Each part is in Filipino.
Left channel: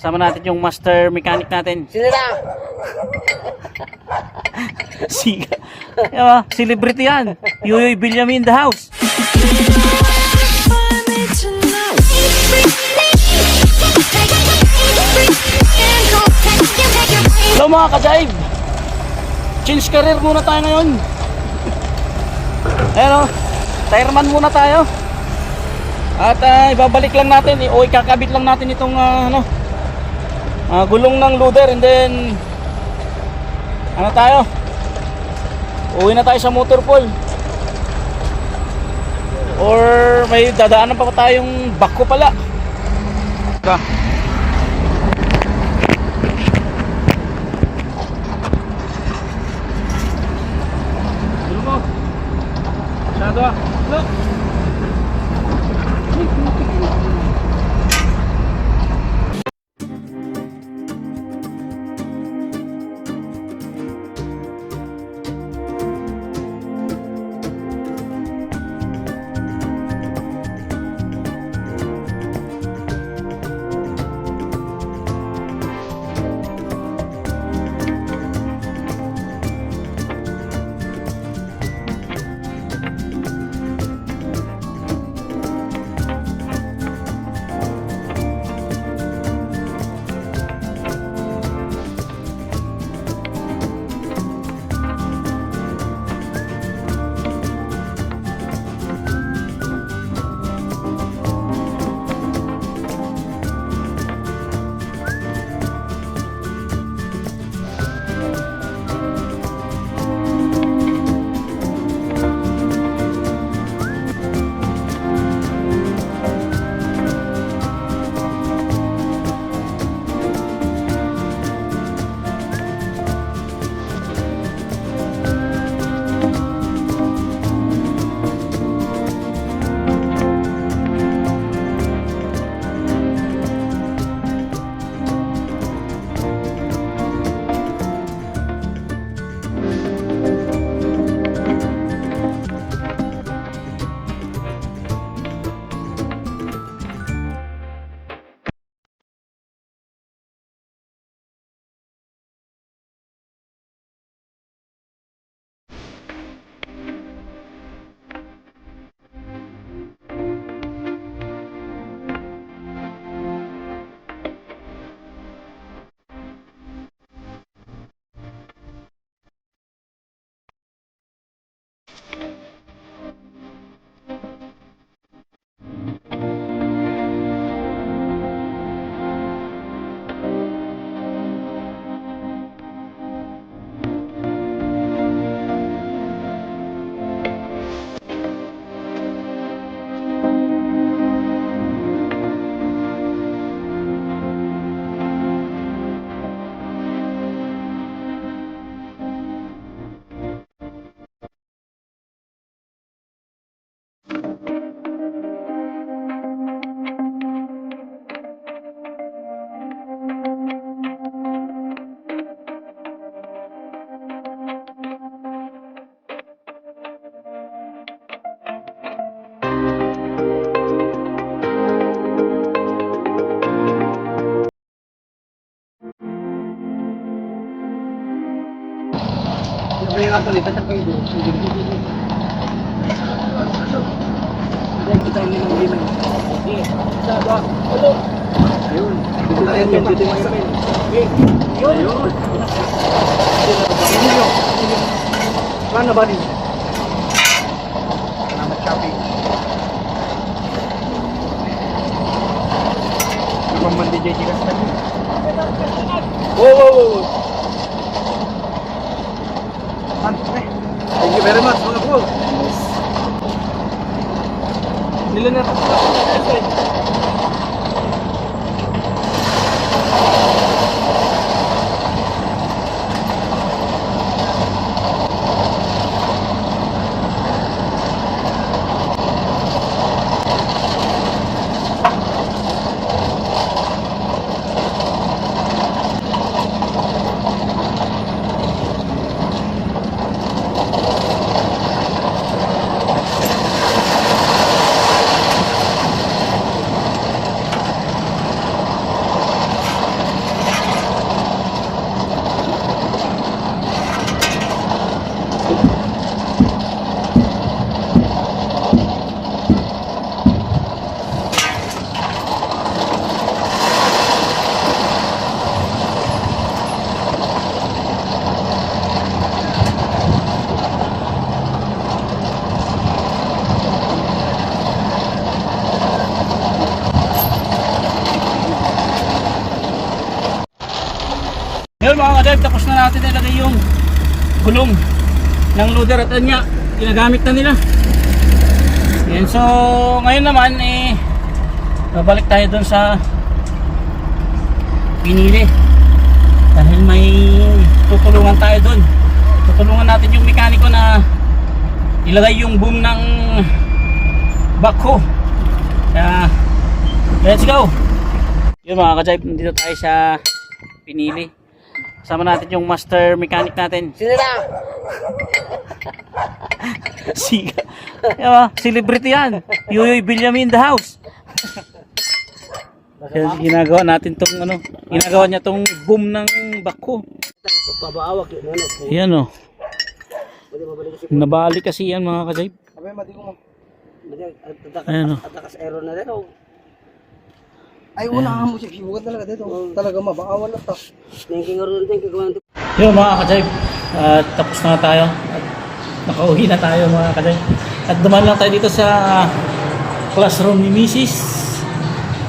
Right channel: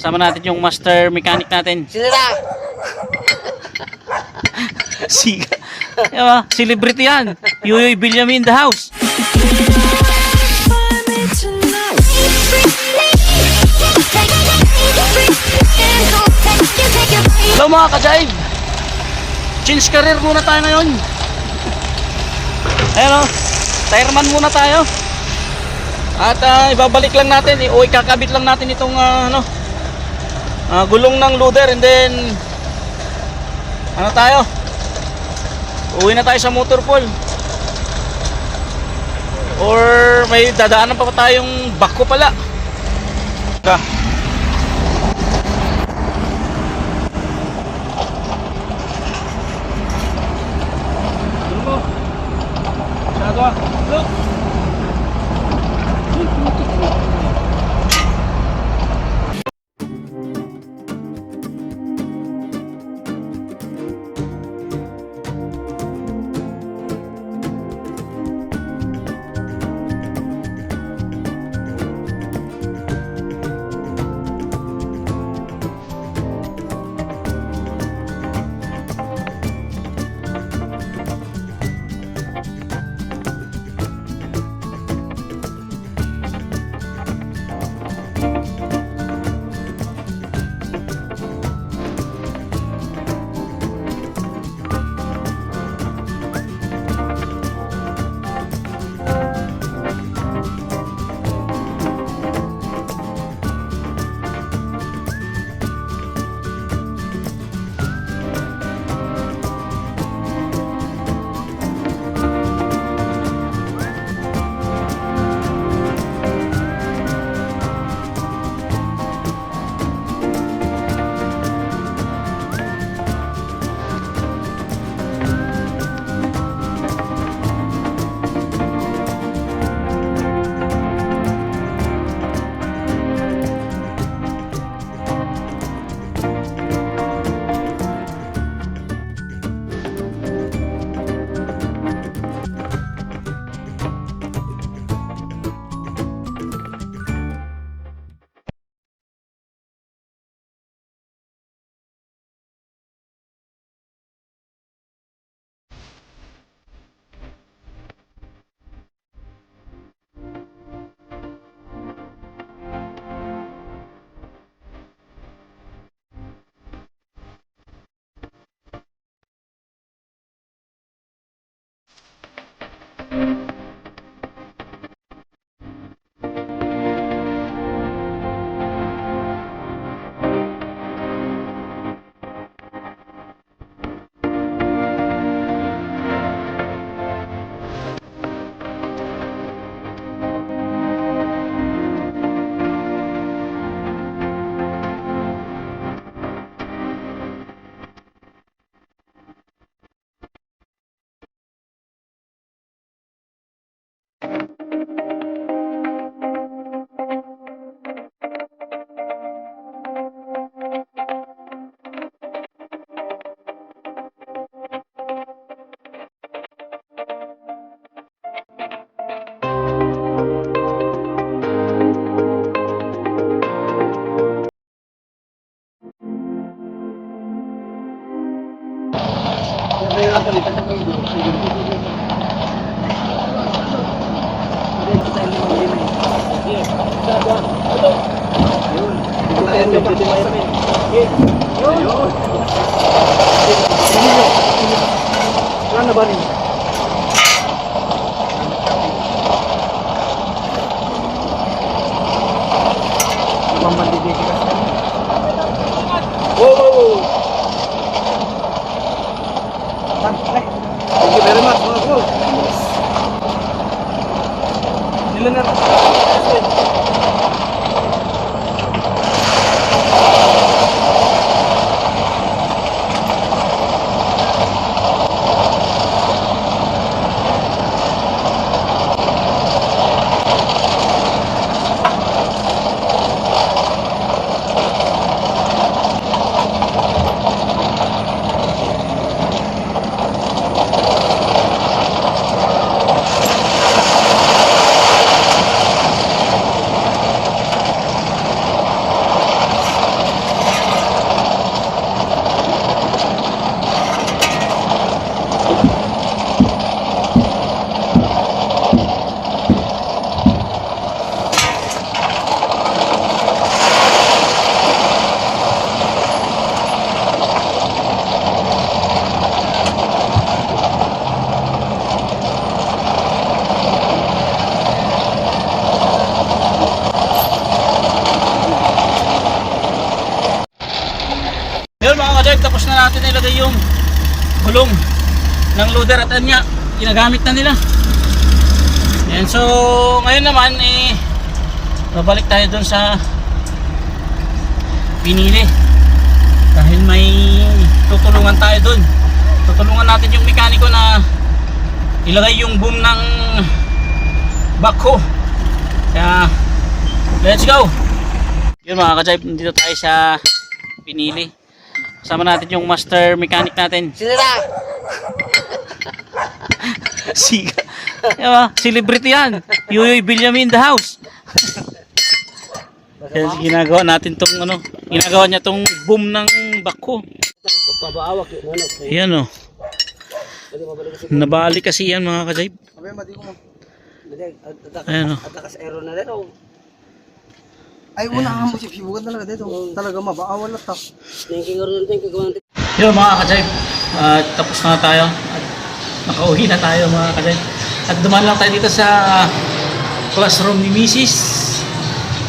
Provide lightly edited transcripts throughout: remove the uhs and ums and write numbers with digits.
Kasama natin yung master mechanic natin. Sila! Siga. Diba? Celebrity yan. Yuyoy Bilyami in the house. Hello mga ka-jive. Change career muna tayo ngayon. Ayan o. Tireman muna tayo. At ibabalik lang natin. O ikakabit lang natin itong gulong ng loader. And then ano tayo? Uwi na tayo sa motor pool. Or may dadaanan pa tayong bako pala. Look. Wala na ba rin? Wow. Thank you very much mga bro. Ilan na? Yun mga ka-drive, tapos na natin ilagay yung gulong ng loader at yan nga, ginagamit na nila. Yan, so ngayon naman babalik tayo dun sa pinili dahil may tutulungan tayo dun. Tutulungan natin yung mekaniko na ilagay yung boom ng backhoe. Kaya let's go. Yun mga ka-drive, dito tayo sa pinili. Kasama natin yung master mechanic natin. Sinira! Siga. Diba? Celebrity yan. Yuyoy Bilyami in the house. Kaya ginagawa natin tong ginagawa niya tong boom ng backhoe. Pagpabaawak yun. Yan o. Nabali kasi yan mga ka-drive. Ayan o. Atakas aero na rin o. Ay, una mo si Sibugan talaga dito. Talaga mabaawal na to. Thinking rin, thinking ko. Yun mga ka-drive. Tapos na tayo. At nakauwi na tayo mga ka-drive. At dumaan lang tayo dito sa classroom ni Mrs.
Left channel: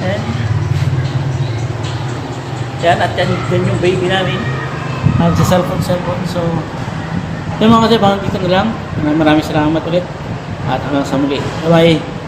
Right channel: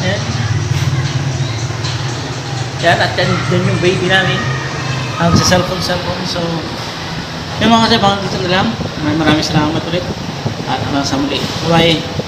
Ayan. Yan, at yan yung baby namin. Sa cellphone. So, yun mga ka-drive, dito na lang. Maraming salamat ulit. At hanggang sa muli. Bye-bye.